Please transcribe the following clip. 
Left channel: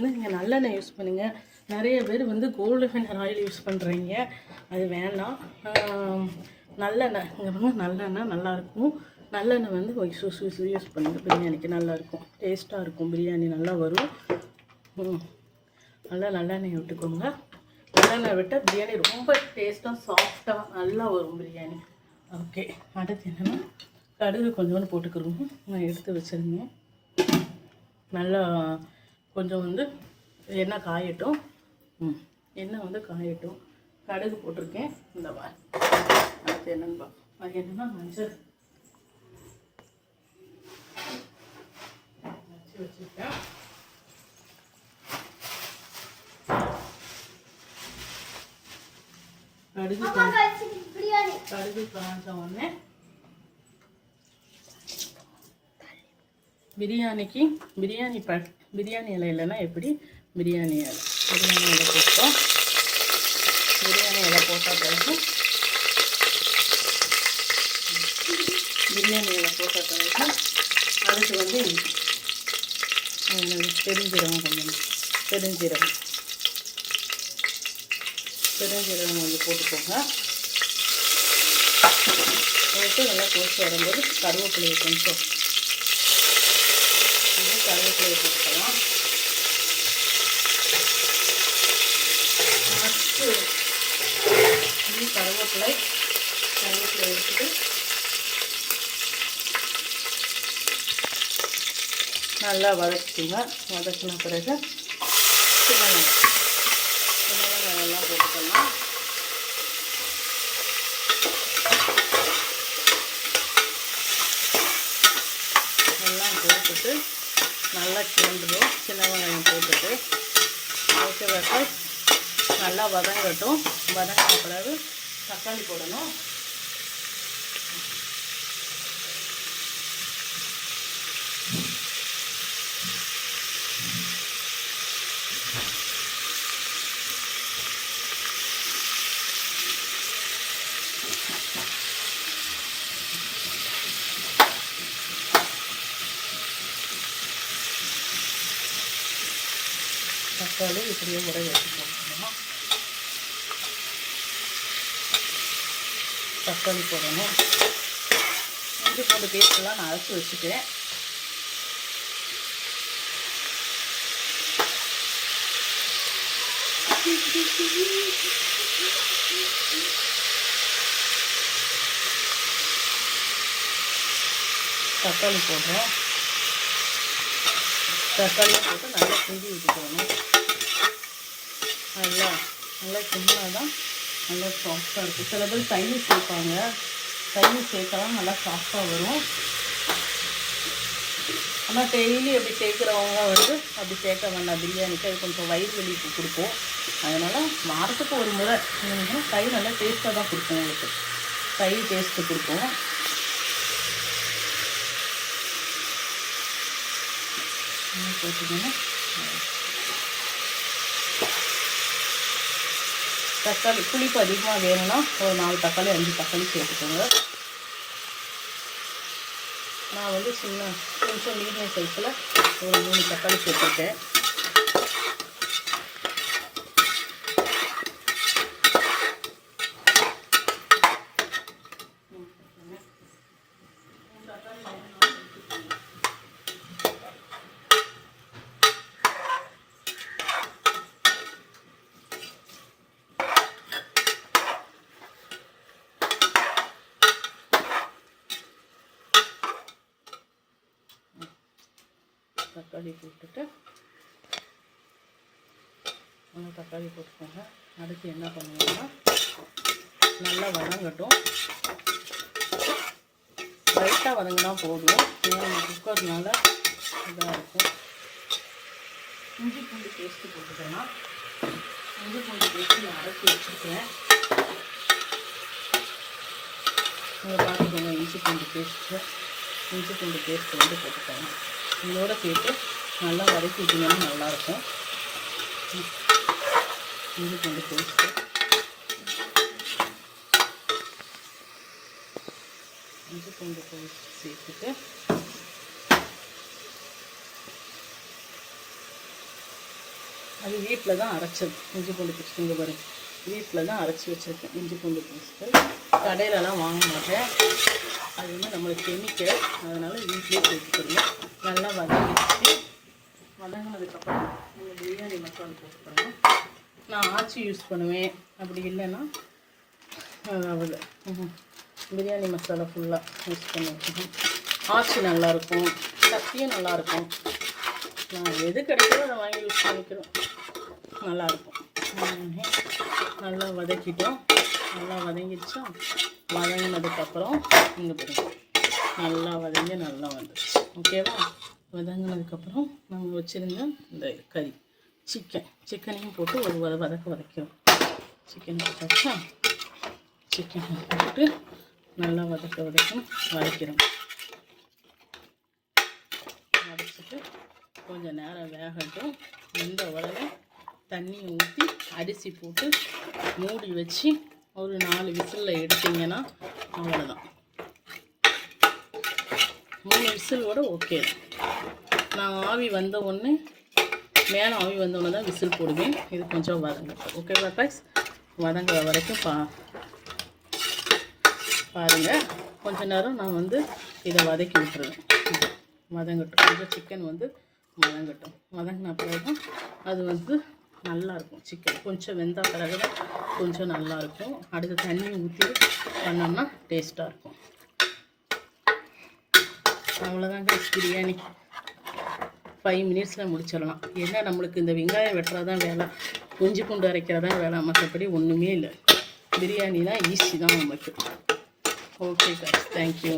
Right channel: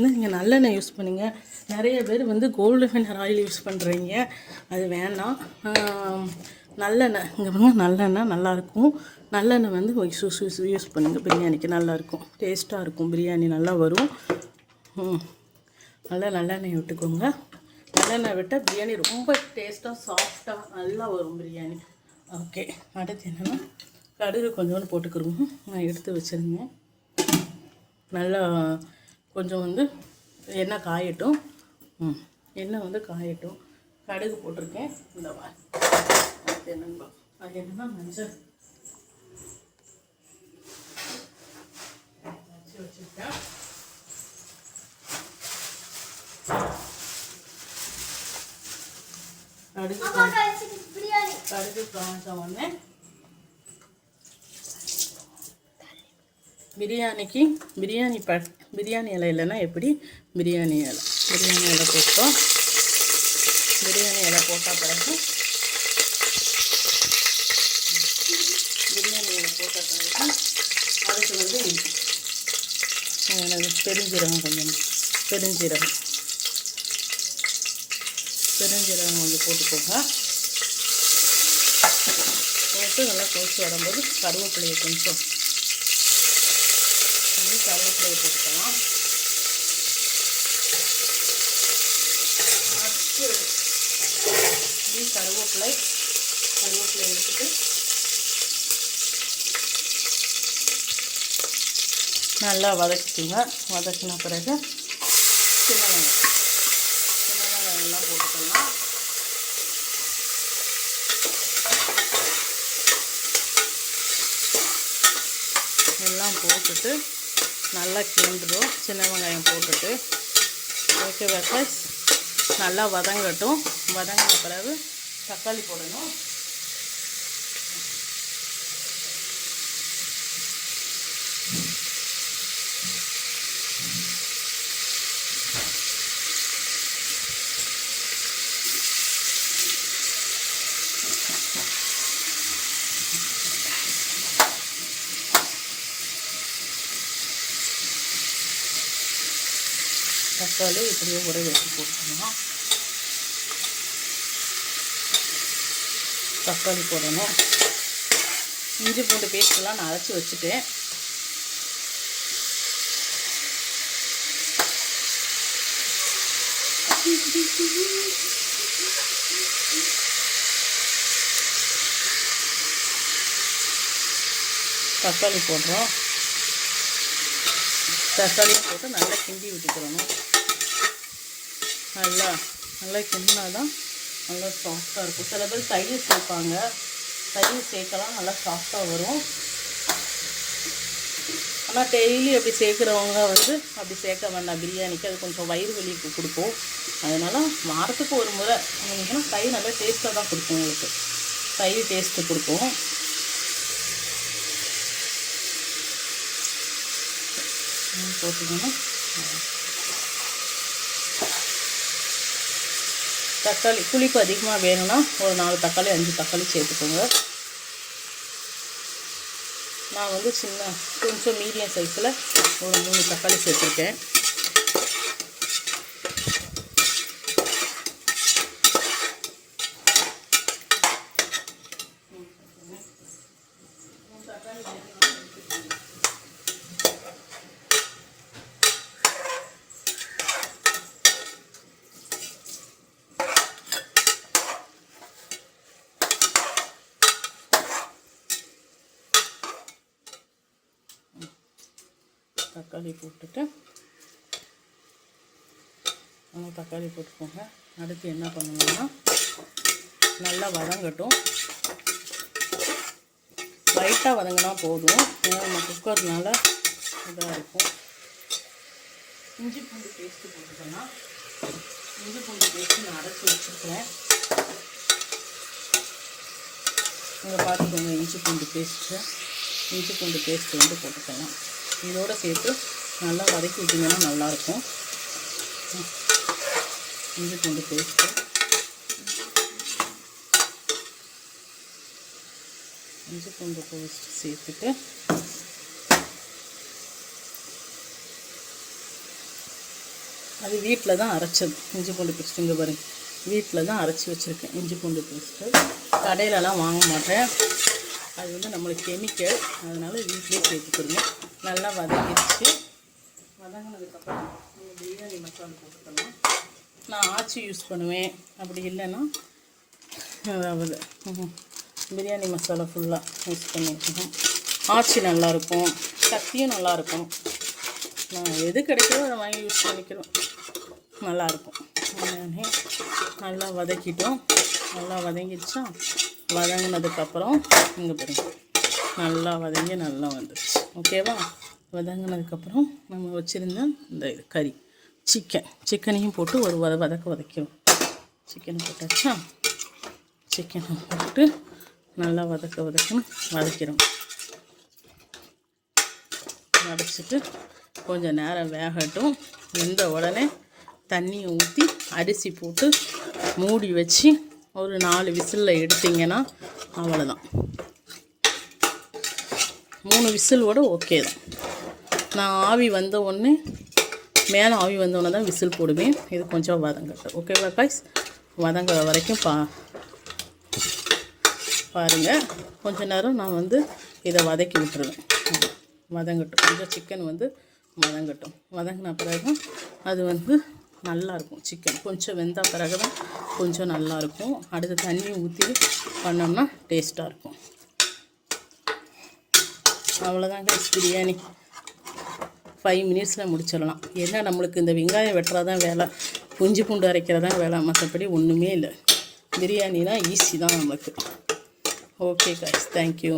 பார்த்திங்கன்னா நீங்கள் நல்லெண்ணெய் யூஸ் பண்ணுங்க. நிறைய பேர் வந்து கோல்டு வின்னர் ஆயில் யூஸ் பண்ணுறீங்க, அது வேணாம். நல்லெண்ணெய் இங்கே பாருங்க, நல்லெண்ணெய் நல்லாயிருக்கும். நல்லெண்ணெய் வந்து யூஸ் பண்ணுங்கள், பிரியாணிக்கு நல்லாயிருக்கும், டேஸ்ட்டாக இருக்கும், பிரியாணி நல்லா வரும். நல்லா நல்லெண்ணெய் விட்டுக்கோங்க. நல்லெண்ணெய் விட்டால் பிரியாணி ரொம்ப டேஸ்ட்டாக சாஃப்டாக நல்லா வரும் பிரியாணி. ஓகே, அடுத்து என்னென்னா கடுகு கொஞ்சோண்டு போட்டுக்கிறோங்க. நான் எடுத்து வச்சுருங்க. நல்லா கொஞ்சம் வந்து எண்ணெய் காயட்டும். எண்ணெய் வந்து காயட்டும். கடுகு போட்டிருக்கேன். இந்த அடுத்து என்னன்னு அது என்னன்னா மஞ்சள் வச்சுருக்கேன். கடுகு காஞ்ச உடனே பிரியாணி இலை இல்லைன்னா எப்படி பிரியாணி இலை போட்டோம். பிரியாணி இலை போட்டால் பிறகு அதுக்கு வந்து பெருஞ்சீரகம் கொஞ்சம் போட்டுக்கோங்க. போட்டு நல்லா கொதிச்சு வரும்போது கருவேப்பிலையை கொஞ்சம் கருவேப்பிலையை போட்டுக்கலாம். ஃபஸ்ட்டு கருவேப்பிலை எடுத்துட்டு நல்லா வதக்கிக்குங்க. வதக்கின பிறகு சின்ன வெங்காயம் போட்டுக்கலாம். எல்லாம் போட்டுட்டு நல்லா கிளம்புடும். சின்ன வெங்காயம் போட்டுட்டு ஓகே ஃப்ரெண்ட்ஸ், நல்லா வதங்கட்டும். வதங்கின பிறகு தக்காளி போடணும். தக்காளி இப்படியே உடை வச்சு போட்டுக்கணும். தக்காளி போடணும். இஞ்சி பூண்டு பேஸ்ட்லாம் நான் அரைச்சி வச்சுட்டேன். தக்காளி போடுறேன். தக்காளி போட்டு நல்லா கிண்டி விட்டுக்கணும். நல்லா கிண்டினா தான் நல்லா சாஃப்டாக இருக்கும். சில பேர் தயிர் சேர்ப்பாங்க, தயிர் சேர்க்கலாம், நல்லா சாஃப்டாக வரும். ஆனால் டெய்லி அப்படி சேர்க்குறவங்க வந்து அப்படி சேர்க்க வேண்டாம் பிரியாணிக்கு, அது கொஞ்சம் வயிறு வலிக்கு கொடுக்கும். அதனால் வாரத்துக்கு ஒரு முறை தயிர் நல்லா டேஸ்ட்டாக தான் கொடுக்கும். உங்களுக்கு தயிர் டேஸ்ட்டு கொடுக்கும். போட்டுக்கணும். தக்காளி புளிப்பு அதிகமாக வேணும்னா ஒரு 4 தக்காளி 5 தக்காளி சேர்த்துக்கோங்க. நான் வந்து கொஞ்சம் மீடியம் சைஸில் ஒரு 3 தக்காளி சேர்த்துருக்கேன். தக்காளி போட்டுட்டு தக்காளி போட்டுக்கோங்க. அடுத்து என்ன பண்ணணும்னா நல்லா வதங்கட்டும். லைட்டாக வதங்கினா போதும். நம்ம குக்கர் நல்லா இதாக இருக்கும். இஞ்சி பூண்டு பேஸ்ட்டு போட்டுக்கலாம். இஞ்சி பூண்டு பேஸ்ட்டு நான் அரைச்சி வச்சுருக்கேன். நீங்கள் பார்த்துக்கோங்க. இஞ்சி பூண்டு பேஸ்ட்டு வந்து போட்டுக்கலாம். இதோடு சேர்த்து நல்லா வதக்கிட்டிங்கன்னா நல்லாயிருக்கும். இஞ்சி பூண்டு பேஸ்ட்டு சேர்த்துட்டு அது வீட்டில் தான் அரைச்சது இஞ்சி பூண்டு பேஸ்ட்டு. இங்கே பாருங்க, வீட்டில் தான் அரைச்சி வச்சுருக்கேன் இஞ்சி பூண்டு பேஸ்ட்டு. கடையிலலாம் வாங்க மாட்டேன், அது வந்து நம்மளுக்கு கெமிக்கல், அதனால் வீட்டிலே சேர்த்துக்கிறோம். நல்லா வதங்கிடுச்சு. வதங்கினதுக்கப்புறம் நம்ம பிரியாணி மசாலா போட்டுக்கணும். நான் ஆச்சி யூஸ் பண்ணுவேன், அப்படி இல்லைன்னா அதாவது பிரியாணி மசாலா ஃபுல்லாக யூஸ் பண்ணிக்கணும். ஆச்சி நல்லாயிருக்கும், சக்தியும் நல்லாயிருக்கும். எது கிடைக்கிறோ அதை வாங்கி யூஸ் பண்ணிக்கிறோம், நல்லாயிருக்கும். நல்லா வதக்கிட்டோம். நல்லா வதங்கிடுச்சா? வதங்கினதுக்கப்புறம் இங்கே பாருங்க, நல்லா வதங்கி நல்லா வந்துடுச்சு. ஓகேவா? வதங்கினதுக்கப்புறம் நம்ம வச்சுருந்த இந்த கறி சிக்கனையும் போட்டு ஒரு வதக்கிறோம். சிக்கன் போட்டாச்சா? சிக்கன் போட்டு நல்லா வதக்கிறோம். வதச்சிட்டு கொஞ்சம் நேரம் வேகட்டும். வெந்த உடனே தண்ணியை ஊற்றி அரிசி போட்டு மூடி வச்சு ஒரு 4 விசிலில் எடுத்திங்கன்னா அவ்வளோதான். 3 விசிலோட ஓகே தான். நான் ஆவி வந்த உடனே மேலே ஆவி வந்தோடனே தான் விசில் போடுவேன். இது கொஞ்சம் வதங்கட்டும். ஓகேவா காய்ஸ்? வதங்குற வரைக்கும் பாருங்கள். கொஞ்ச நேரம் நான் வந்து இதை வதக்கி விட்டுருவேன். வதங்கட்டும். கொஞ்சம் சிக்கன் வந்து வதங்கட்டும். வதங்கின பிறகு அது வந்து நல்லாயிருக்கும். சிக்கன் கொஞ்சம் வெந்த பிறகு தான் கொஞ்சம் நல்லாயிருக்கும். அடுத்து தண்ணி ஊற்றி பண்ணோம்னா டேஸ்ட்டாக இருக்கும். அவ்வளோதான் கைஸ், பிரியாணி 5 மினிட்ஸில் முடிச்சிடலாம். ஏன்னா நம்மளுக்கு இந்த வெங்காயம் வெட்டுறதான் வேலை, இஞ்சி பூண்டு அரைக்கிறதான் வேலை, மற்றபடி ஒன்றுமே இல்லை. பிரியாணினா ஈஸி தான் நமக்கு. Okay guys, thank you.